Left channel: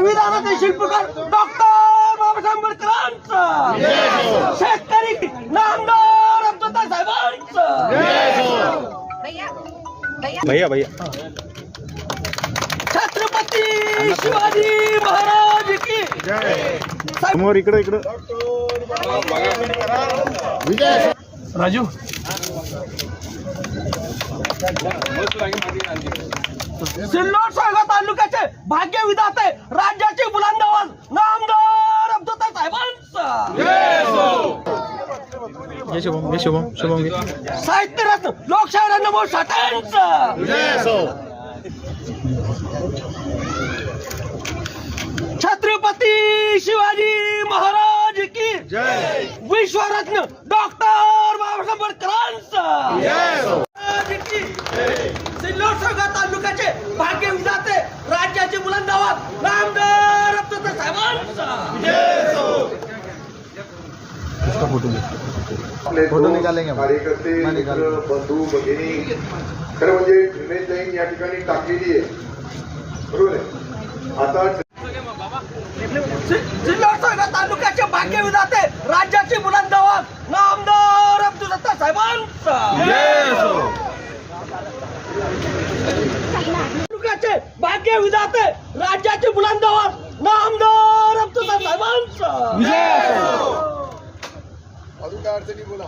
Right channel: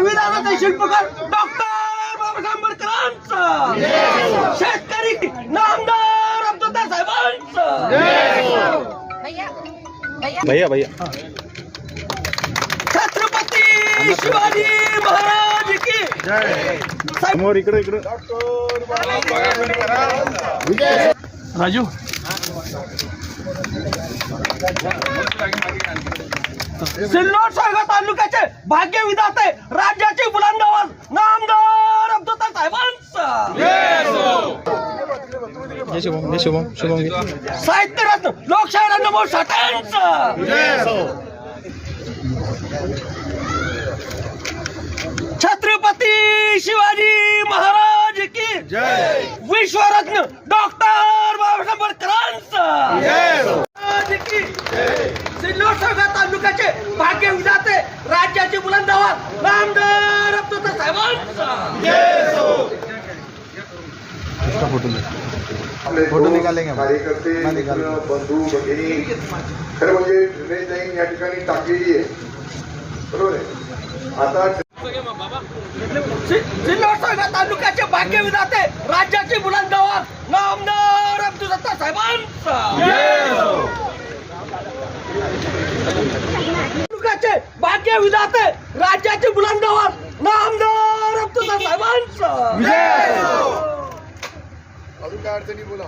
संविधानाचे शिल्पकार डॉक्टर बाबासाहेब आंबेडकरांचं. शेतकरी नामदार अब्दुल्ला साहेबांचं. भैया भैया. भैया भैया. छत्रपती शिवाजी महाराज की समोर इकडे इकडे. राजू. सिल्लोड सागर तालुक्याचे भाग्य विधाते राज्याची बुलंद आवाज नामदार अब्दुल्ला साहेबांचं शुभम शुभम साहित्य रत्न लोकशाही रत्नभाऊ साठ्यांचं छत्रपती शिवाजी महाराज की विश्वरत्न डॉक्टर बाबासाहेब आंबेडकरांचं महाराज की सिल्लोड सागर तालुक्याचे भाग्य विधाते राज्याचे बुलंद आवाज नामदार फोटो निकालेंगे हम. कार्यकर्ते बंधू भगिनी खरं म्हणजे विनयताईन या ठिकाणी टाकलेली आहे. बरोबर आहे? आता जिल्हा तालुक्याचे भाग्य विधाते राज्याची बुलंद आवाज नामदार अब्दुल सत्ता साहेबांचं. भाग्य विधाते राज्याची बुलंद आवाज नामदार साहेबांचं. अजून काय अडचणी बोला.